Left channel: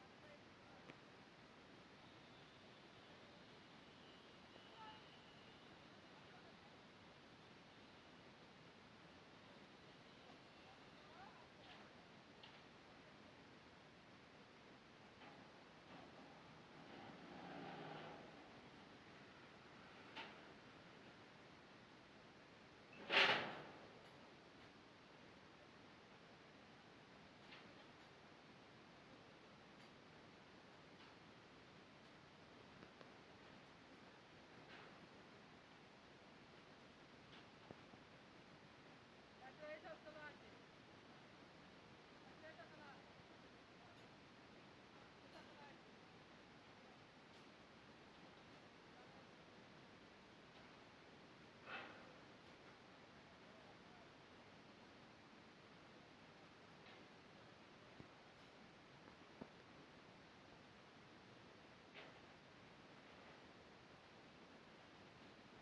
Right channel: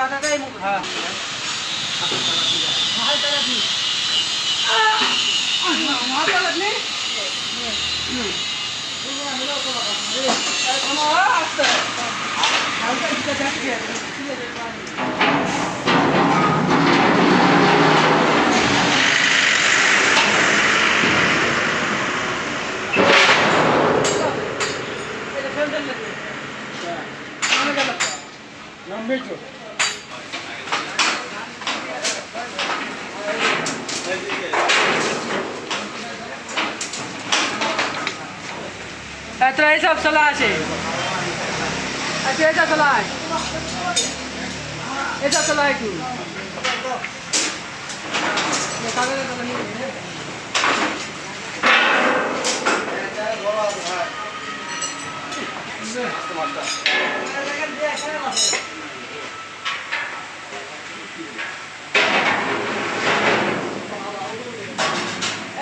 কাটাটাই মুখ হ্যাঁ तो ये सब चला আছে अच्छा এটা চলাই এটা চলাই কি ये कागज तो नहीं है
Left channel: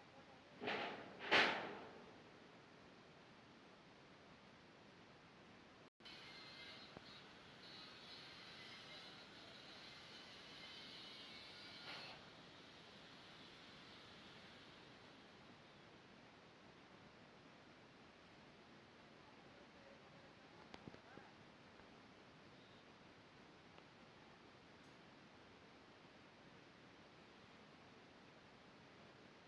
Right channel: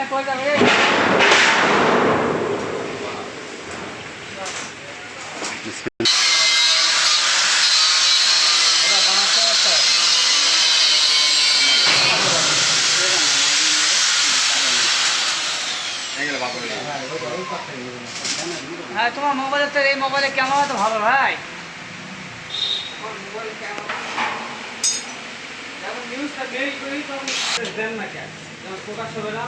ए कोई जा रे হ্যাঁ তোমার মোবাইলে তো এই মোবাইলে ক্যামেরা তো ভালো ভাই নিউজটা বের করি তো দেন না কেন প্রকাশ হবে না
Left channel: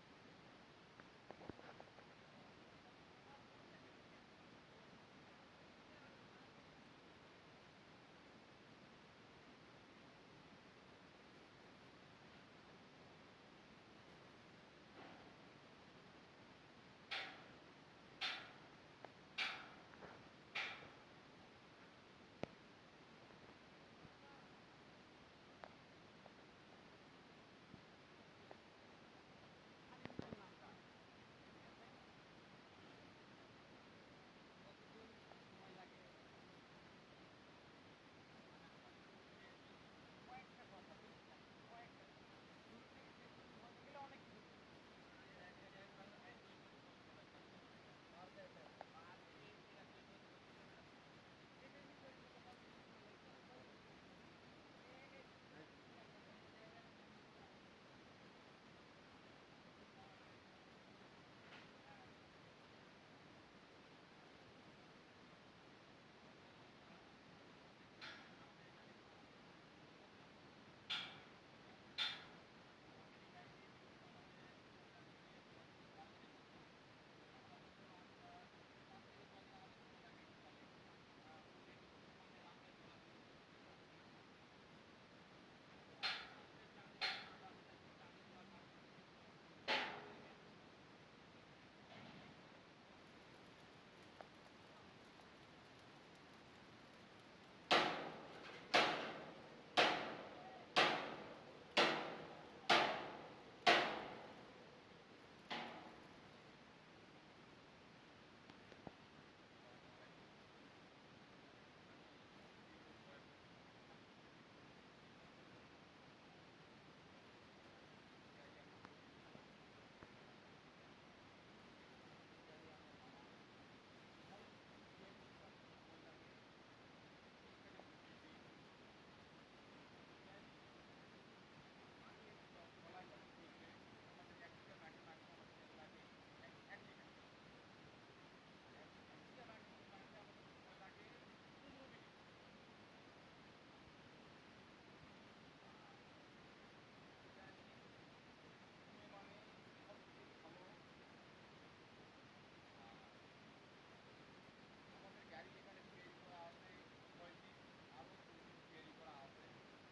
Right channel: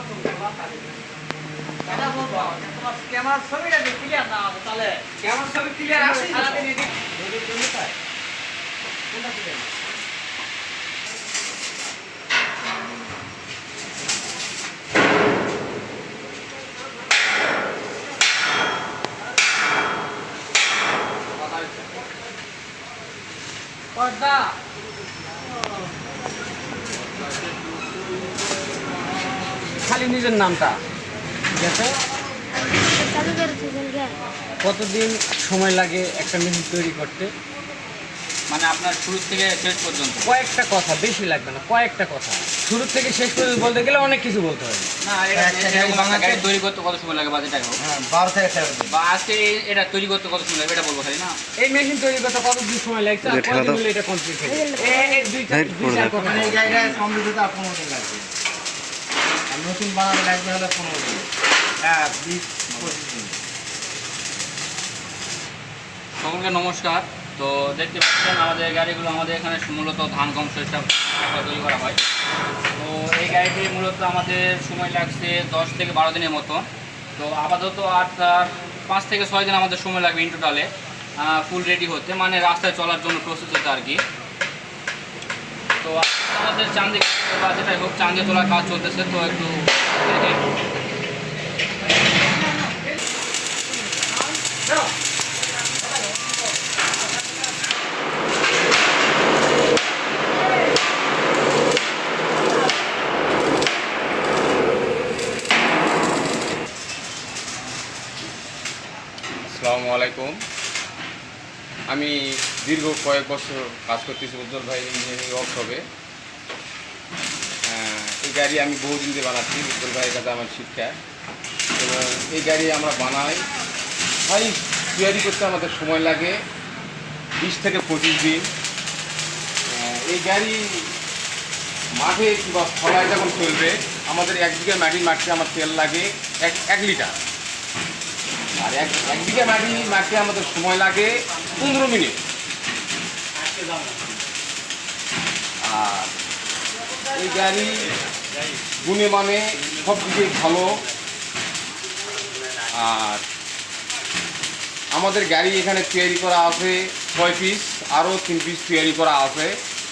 তোমার ক্যামেরা ছবিটা ক্লিয়ার না হবে তাহলে ক্যামেরা ছবি ক্লিয়ার আসে সারাদিন এডিট কোনটা ক্লিয়ার পর্দা খালি নিজের নামটা ঠিক আছে কতদিন সময় লাগে একটা মেশিন তৈরি করতে মানে আপনার শুরু থেকে শেষ পর্যন্ত কয়েকটা কথা বেশি লাগবে না কয়েকটা কথা শুরু থেকে শেষ পর্যন্ত বলতে গেলে অনেক কিছু বলতে হবে না এটা গাড়ি তৈরি করতে কত সময় লাগে বাজেটাই হোক হ্যাঁ 12 থেকে 13 দিন বা আজকে এটা তৈরি করতে কত সময় লাগবে এটা বলবো খালি না এই মেশিন তৈরি করতে কতদিন সময় লাগছে আর কতদিন হলে এটা কমপ্লিট হবে এই দুই চার কথা মানে এই জায়গায় কমপ্লিট হতে 15 দিন লাগবে আর নতুন বানাতে লাগবে হলো 15 দিন হ্যাঁ 20-25 দিন সকলকে নমস্কার তো দেখতে পাচ্ছেন আমাদের গাড়িগুলো আমাদের এখানে মূলত ধান গম শস্য তৈরি করা হয় তো এই গাড়িটি মূলত আমাদের সময় লাগছে 10 থেকে 12 দিনের মতো তো আপাতত আর 5 থেকে 6 দিন আমাদের সময় লাগবে ইন টোটালে ফুল রেডি হতে মানে রাস্তায় চলার জন্য প্রস্তুত হতে আর কি তো আমাদের চাঁদে বা যেটাই হোক চাঁদে তোলার কাজ চলতেছে তো একটু দেখেন আসসালামু আলাইকুম আমি দীর্ঘ কয়েক বছর কাজ করতেছি উজ্জ্বল ভাই ইঞ্জিনিয়ারিং ওয়ার্কশপে এই গাড়ি আমি বহুদিন ধরে বানাচ্ছি উজ্জ্বল ভাইয়ের কাছে আমার শিক্ষা এবং এই গাড়ি আমরা বানাই ভাই তৈরি করতে আমাদের সময় লাগে 20 থেকে 25 দিন এই গাড়ি মাঠে কিংবা ফলায় যখন চলবে আমাদের 1 বিঘা মাটির মাঠে আমার তেল লাগে 1 লিটার আর এক বিঘা মাটি আমাদের সময় লাগে 15 মিনিট আর এই গাড়ি গুণে মানে সব দিকে ভালো আর আমাদের গাড়ি এখানে তৈরি করা আছে 6 পিস আরও 3 পিস তৈরি করা আছে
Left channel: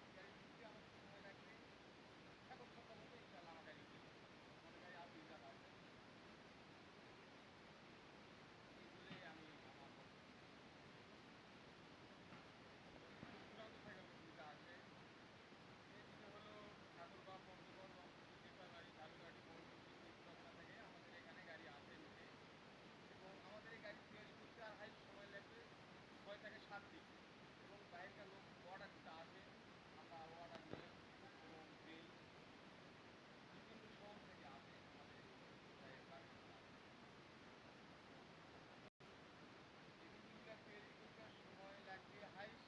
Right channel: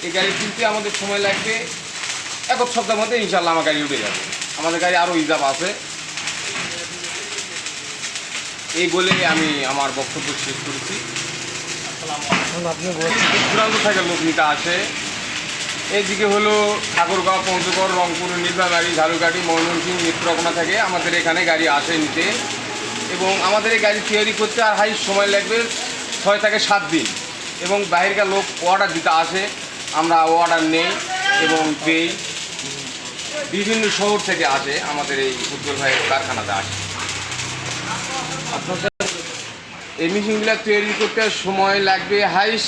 এই গাড়ি কিনতে আমাদের সময় লাগবে 1 সপ্তাহের মধ্যে ইনশাল্লাহ আমার গাড়ি উঠে যাবে আমাদের গাড়ি আরও রিজার্ভ আছে এই বলে আমি আমার বক্তব্য শেষ করেছি চূড়ান্ত থেকে লোক নিতে আসে এইদিকে হলো ঠাকুরগাঁও পঞ্চগড় রংপুর নীলফামারী ঝালুকাঠি ময়মনসিংহ নেত্রকোনা থেকে আমাদের এখানে গাড়ি আসে নিতে এবং আমাদের এই গাড়ি তৈরি করতে আর হাই সময় লাগবে 6 থেকে 7 দিন এবং বাইরের লোক অর্ডার দিতে আসে আমরা অর্ডার নেই এবং দেই বিভিন্ন শহর থেকে আসে আমাদের এই উজ্জ্বল ভাইয়ের কারখানাতে আসে আপনাদের এই মেশিনগুলো তৈরি করতে সময় লাগবে হাইস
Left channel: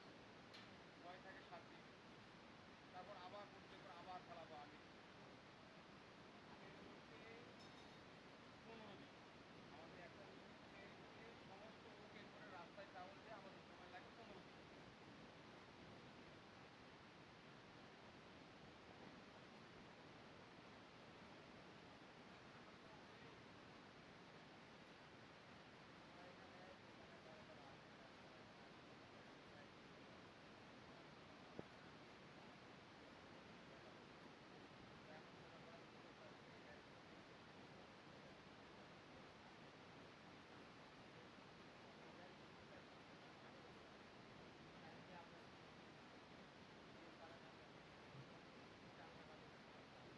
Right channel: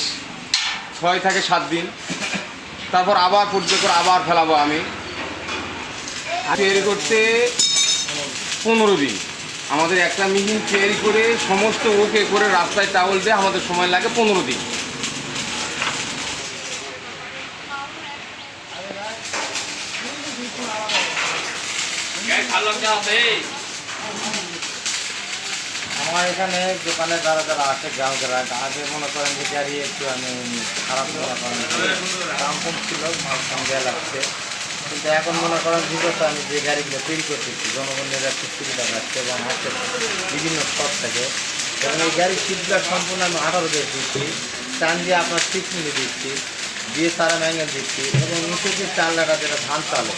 6 থেকে 7 দিন তারপর আবার পর্যায় করে আবার ফেলাবো আমি। তৈরি করতে 15 দিন। আমাদের একটা মেশিন তৈরি করে সমস্ত ওকে করে রাস্তায় টাওয়াল দিয়ে আমাদের সময় লাগে 15 দিন। আমার এখানে দোকানে যারা যারা আছে গ্রাহকেরা আগে মনে করেন যে গাড়ি একটু আমি খারাপ মনে করেন দাম কম ছিল, মাল কম দেওয়া লাগছে, কিন্তু এখন মনে করেন বিগত আমি যে গাড়িগুলো তৈরি করতেছি জনগণের একটু সুবিধা পাচ্ছে এবং হাতে বিভিন্ন শখ থাকে, এবং এই গাড়ির সিটগুলো সম্পূর্ণ আমি 18 দিয়ে দিচ্ছি, টান দিয়ে আপনার 6 মিনিট দিচ্ছি, দিয়ে সারা ম্যাঙ্গেল দিচ্ছি, এবং নিচে যে চালটা যেটা ধান চালে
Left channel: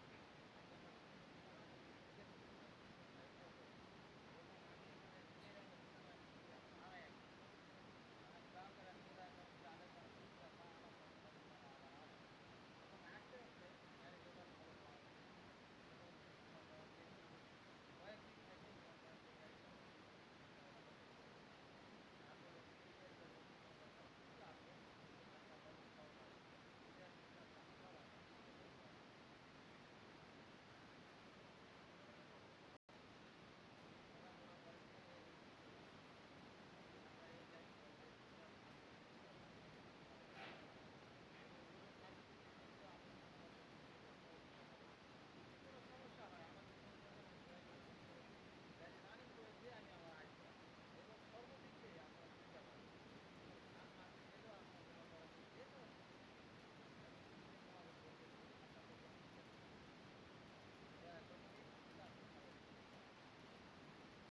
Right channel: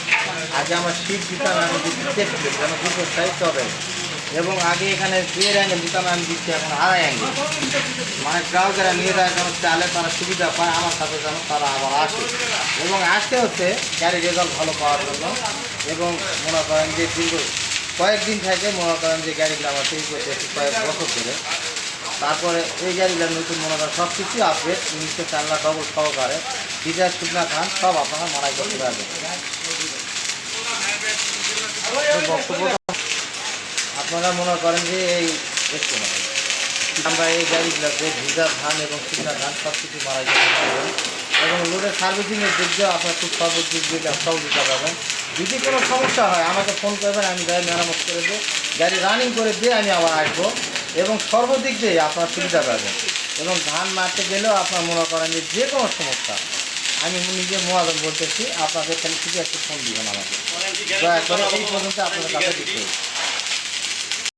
আগে আমার সিট দিতাম, আমি দিচ্ছি চেপতে যেন দুটো সাইজ হবে, এবং আগে এখানে 2 অ্যাঙ্গেল দিতাম, আমি দিচ্ছি এখন 2.5 অ্যাঙ্গেল, মানে গ্রাহকেরা নিয়ে যায় যেন চালে তারা সুবিধা পায়, আমার সাথে যেন তারা আবার আসে, এবং আসতে হচ্ছে গাড়ির রেজাল্ট ভালো পাওয়ার জন্য, এবং মনে করেন যে দীর্ঘ কয়েকদিন থেকে মনে করেন যে গাড়িগুলো আমার তৈরি করতে কয়েক বছর ধরে, তারপরে এই গাড়িগুলো নতুন মনে করেন সব কিছুই আপডেট, নিচে চালনা ডবল সহকারে ডিজার শুকনা ধান সব আপনারা মারাই করতে পারবেন। বক্তব্যটা আপনারা মনে করেন যে এই একটু আমরা এই গাড়িগুলোতে ভিজা ধান এবং শুকনা ধান সব কিছু মারাই করতে পারবেন, এবং লোডের সার্ভিসিংয়ের দিক দিয়েও আপনার খুব সর্বোচ্চ দিকে সহযোগিতা পাবেন। যদি কোনো সমস্যা হয় আমাকে ফোন করবেন, আমি গাড়ি মেরামত করে দিয়ে গাড়ি রানিং করে দিয়ে আমি আবার আসবো, এবং সর্বদিক দিয়ে আপনার সুবিধা পাবেন, এবং ধান মারতে গেলেও আপনার মনে করেন যে কোনো সমস্যা আমি নিজে মহাজন বলতেছি, আপনাদের খালি শুধু একটু ফোন দিবেন আমাকে, দয়া করে এই পর্যন্ত আপনাদের কাছে দিতে